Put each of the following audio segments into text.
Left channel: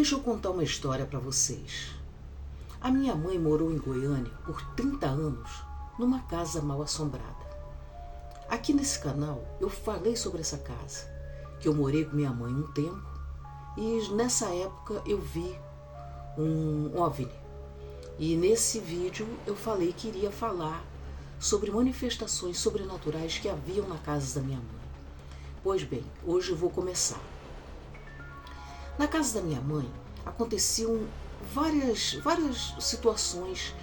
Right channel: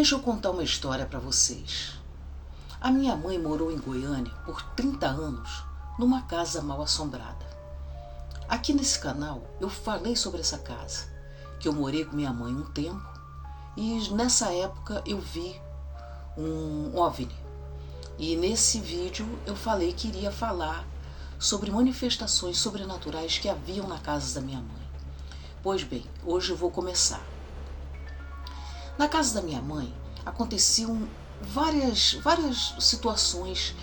Deixa eu contar uma história para vocês. A minha mãe morou em Goiânia por 30 anos numa casa mal assombrada. Aqui nesse canal eu falei sobre essa casa, que eu morei com minha mãe um tempo e nessa época eu vi um OVNI. E nesse vídeo eu falei que iria falar sobre manifestações sobrenaturais que haviam na casa da minha mãe. Pois bem, hoje eu vou começar. Na casa da minha mãe aconteciam várias situações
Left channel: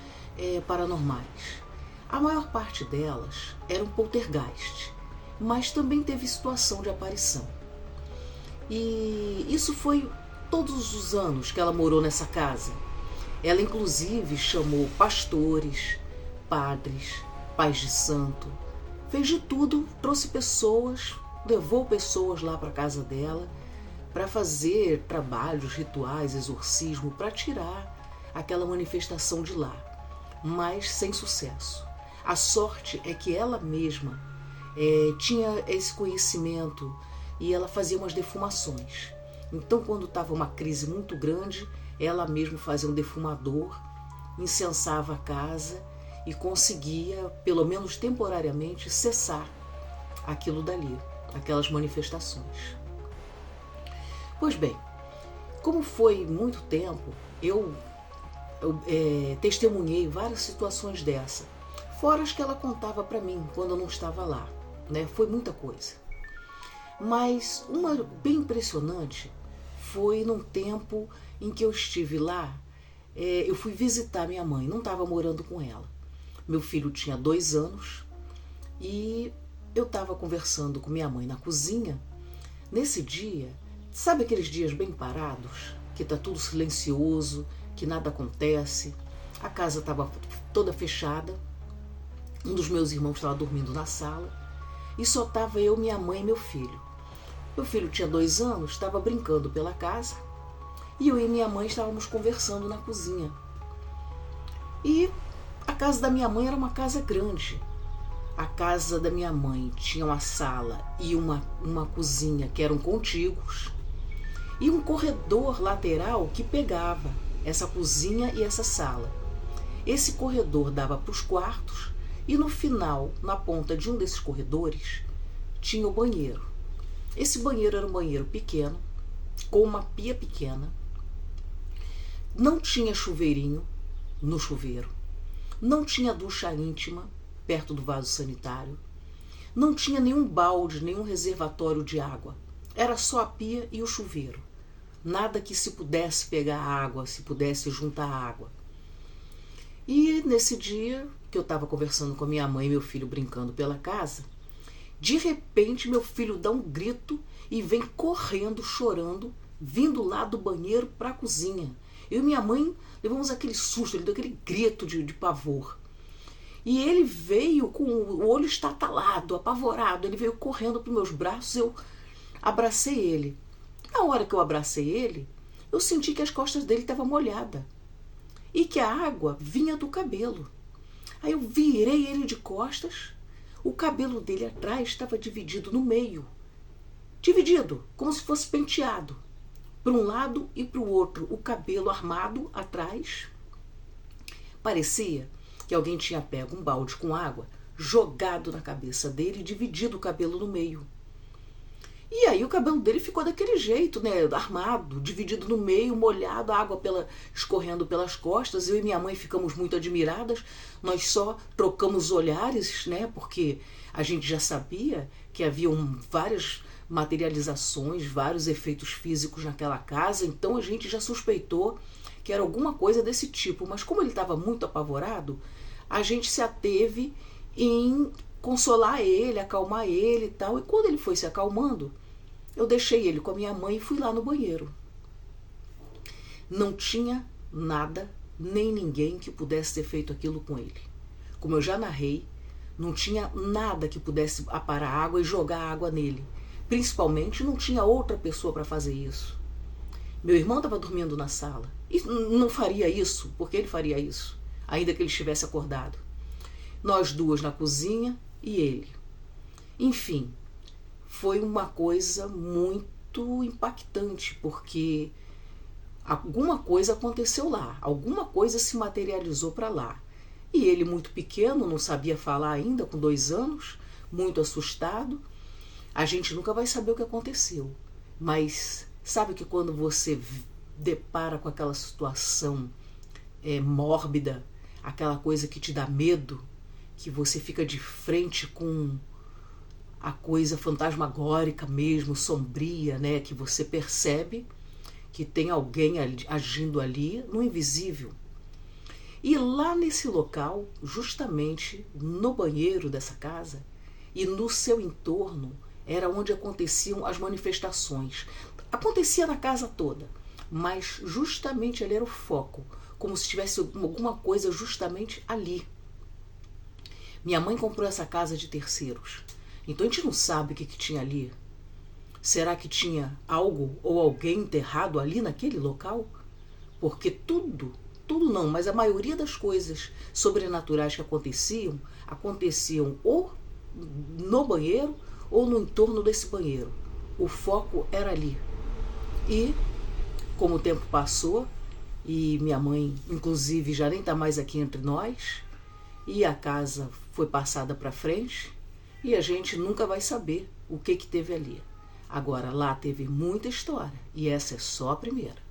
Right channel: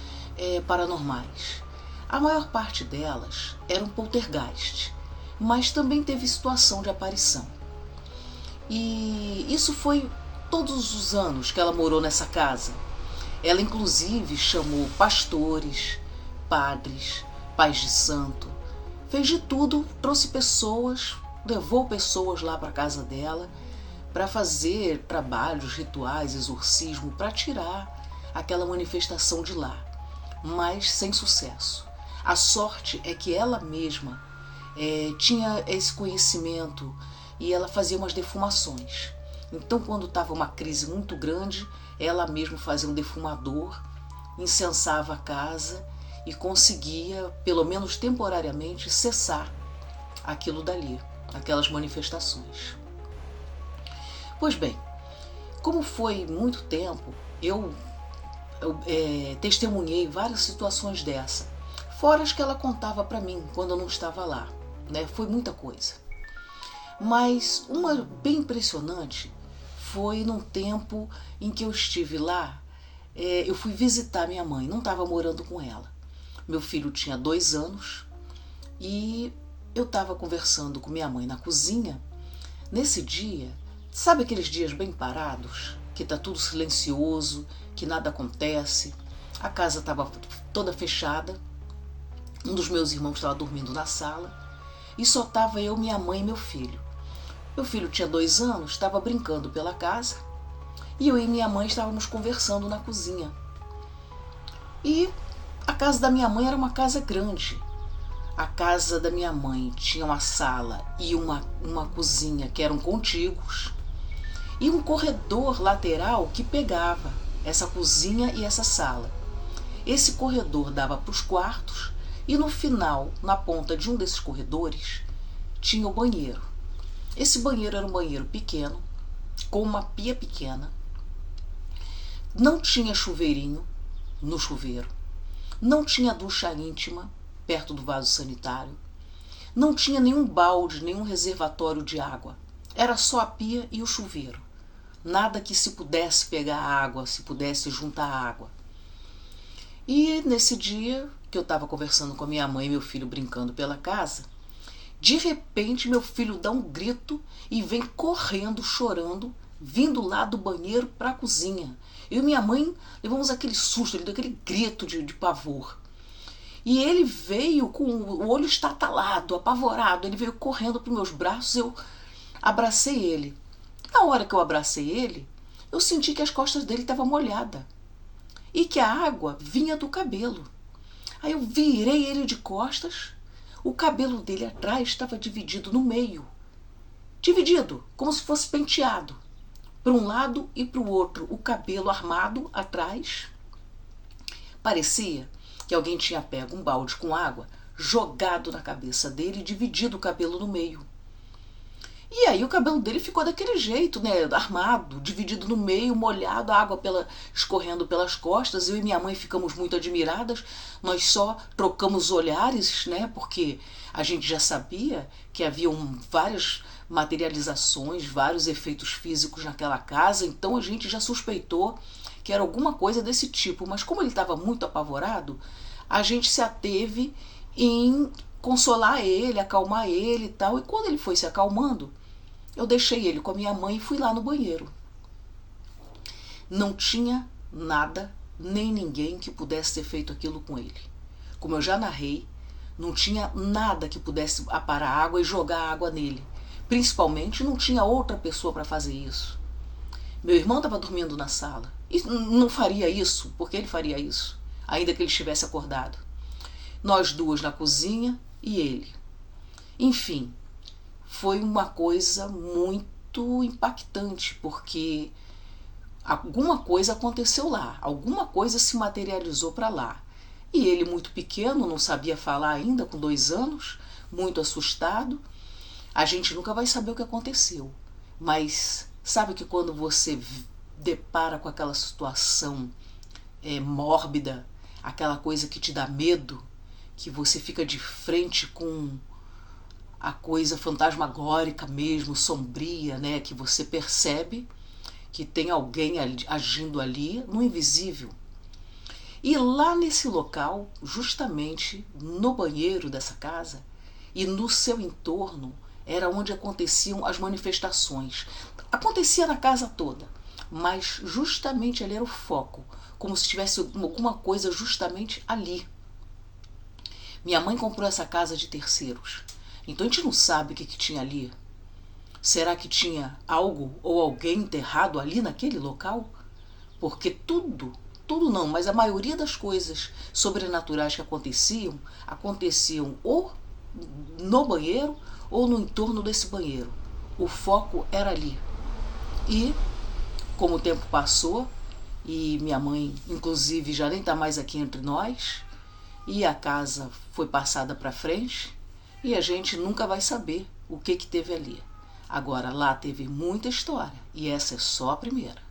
paranormais. A maior parte delas eram poltergeist, mas também teve situação de aparição. E isso foi todos os anos que ela morou nessa casa. Ela inclusive chamou pastores, padres, pais de santo, fez de tudo, trouxe pessoas, levou pessoas lá para a casa dela para fazer trabalhos, rituais, exorcismo, para tirar aquela manifestação de lá, mas sem sucesso. A sorte é que ela mesma tinha esse conhecimento e ela fazia umas defumações. Então, quando estava uma crise muito grande, ela mesma fazia um defumador, incensava a casa e conseguia, pelo menos temporariamente, cessar aquilo dali, aquelas manifestações. Pois bem, como foi muito tempo, eu testemunhei várias situações dessa, fora as que ela contava para mim quando eu não estava lá, né? Foi muita coisa. Mas uma bem impressionante foi num tempo em que eu estive lá, eu fui visitar minha mãe, não estava morando com ela. Meu filho tinha 2 anos e eu estava conversando com minha mãe na cozinha. Nesse dia, sabe aqueles dias bem parados, que está tudo silencioso, que nada acontece? A casa estava toda fechada, um dos meus irmãos estava dormindo na sala e só estava eu, minha mãe e meu filho. Meu filho tinha 2 anos, estava brincando pela casa e eu e minha mãe estávamos conversando na cozinha. E a casa da minha mãe era uma casa grande. A casa da minha mãe tinha uma sala e uma cozinha que eram contíguos e um corredor lateral que pegava essa cozinha e essa sala. Esse corredor dava para os quartos e no final, na ponta de um desses corredores, tinha o banheiro. Esse banheiro era um banheiro pequeno, com uma pia pequena. Não tinha chuveirinho no chuveiro. Não tinha ducha íntima perto do vaso sanitário. Não tinha nenhum balde, nenhum reservatório de água. Era só a pia e o chuveiro. Nada que se pudesse pegar água, se pudesse juntar água. E nesse dia que eu estava conversando com a minha mãe e meu filho brincando pela casa, de repente meu filho dá um grito e vem correndo, chorando, vindo lá do banheiro para a cozinha. Eu e minha mãe levamos aquele susto, ele deu aquele grito de pavor. E ele veio com o olho estatalado, apavorado, ele veio correndo para os meus braços, eu abracei ele. Na hora que eu abracei ele, eu senti que as costas dele estavam molhadas e que a água vinha do cabelo. Aí eu virei ele de costas, o cabelo dele atrás estava dividido no meio. Dividido, como se fosse penteado. Para um lado e para o outro, o cabelo armado atrás. Parecia que alguém tinha pego um balde com água, jogado na cabeça dele e dividido o cabelo no meio. E aí o cabelo dele ficou daquele jeito, né, armado, dividido no meio, molhado, a água escorrendo pelas costas. Eu e minha mãe ficamos muito admiradas, nós só trocamos olhares, né, porque a gente já sabia que haviam várias materializações, vários efeitos físicos naquela casa, então a gente já suspeitou que era alguma coisa desse tipo, mas como ele estava muito apavorado, a gente se ateve em consolar ele, acalmar ele e tal. E quando ele foi se acalmando, eu deixei ele com a minha mãe e fui lá no banheiro. Não tinha nada, nem ninguém que pudesse ter feito aquilo com ele. Como eu já narrei, não tinha nada que pudesse aparar água e jogar água nele. Principalmente não tinha outra pessoa para fazer isso. Meu irmão estava dormindo na sala e não faria isso, porque ele faria isso, ainda que ele estivesse acordado. Nós duas na cozinha e ele. Enfim, foi uma coisa muito impactante, porque alguma coisa aconteceu lá, alguma coisa se materializou para lá. E ele, muito pequeno, não sabia falar ainda, com 2 anos, muito assustado. A gente nunca vai saber o que aconteceu. Mas sabe que quando você depara com aquela situação mórbida, aquela coisa que te dá medo, que você fica de frente com a coisa fantasmagórica mesmo, sombria, né? Que você percebe que tem alguém agindo ali no invisível. E lá nesse local, justamente no banheiro dessa casa e no seu entorno, era onde aconteciam as manifestações. Acontecia na casa toda, mas justamente ali era o foco, como se tivesse alguma coisa justamente ali. Minha mãe comprou essa casa de terceiros, então a gente não sabe o que tinha ali. Será que tinha algo ou alguém enterrado ali naquele local? Porque tudo não, mas a maioria das coisas sobrenaturais que aconteciam ou no banheiro ou no entorno desse banheiro. O foco era ali. E, como o tempo passou, e minha mãe, inclusive, já nem está mais aqui entre nós, e a casa foi passada para frente, e a gente nunca vai saber o que teve ali. Agora, lá teve muita história, e essa é só a primeira.